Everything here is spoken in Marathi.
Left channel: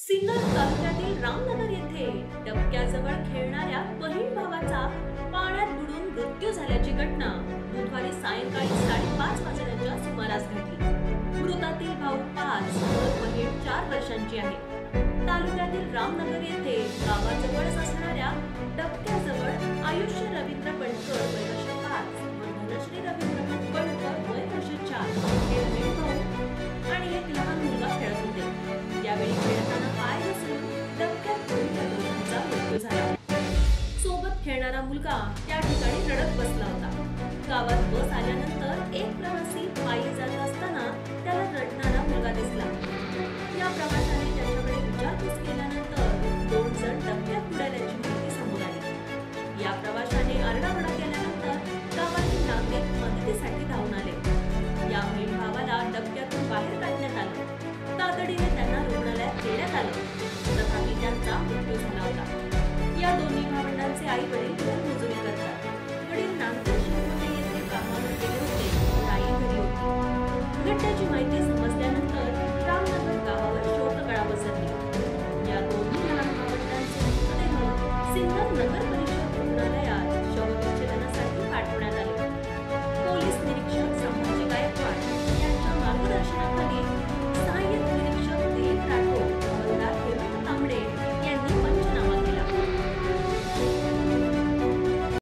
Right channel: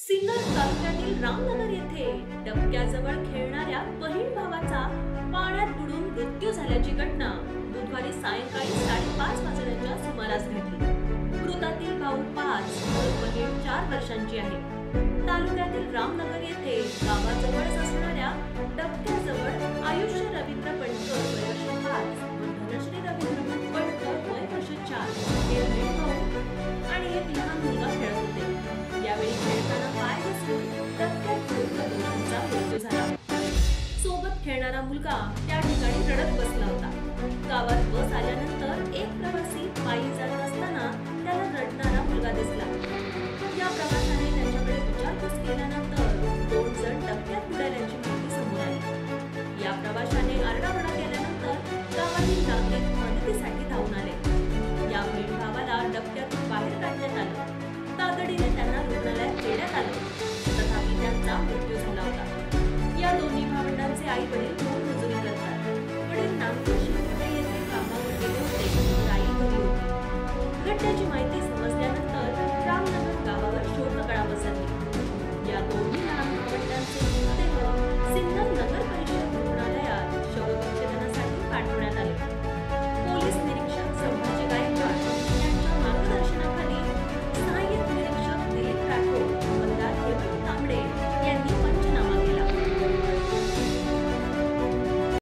सिन्नर तालुक्यातील रामनगर येथे डबक्याजवळ खेळणाऱ्या बहीण भावाचा पाण्यात बुडून मृत्यू झाल्याची घटना बुधवारी सायंकाळी 5:30 वाजण्याच्या सुमारास घडली। मृतातील भाऊ 5 तर बहीण 4 वर्षांची आहे। तालुक्यातील रामनगर येथे गावाजवळच असणाऱ्या डबक्याजवळ आयुष्य रवींद्र पणकर वय वर्ष 5 व धनश्री रवींद्र पणकर वय वर्ष 4 हे बहीण भाऊ आणि एक लहान मुलगा खेळत होते। यावेळी खेळताना पाय घसरून डबक्यात पडून त्या दोघांचा मृत्यू झाला। सोबत खेळणारा मुलगा त्या ठिकाणी रडत बसला होता। गावात बस आल्यानंतर एक प्रवासी पायी जात असताना त्याला रडणारा मुलगा दिसला। या प्रवाशाने त्याच्याकडे विचारपूस केल्यानंतर 2 जण डबक्यात बुडाल्याची माहिती समोर आली। या प्रवाशाने आरडाओरडा केल्यानंतर गावातील नागरिक मदतीसाठी धावून आले। या बहीण भावाला डबक्यातून बाहेर काढण्यात आलं। तातडीने त्यांना रुग्णालयात नेण्यात आलं, तथापि त्यांचा मृत्यू झाला होता। या दोन्ही भावंडांचे आई वडील मोलमजुरी करतात। वडील नागपूर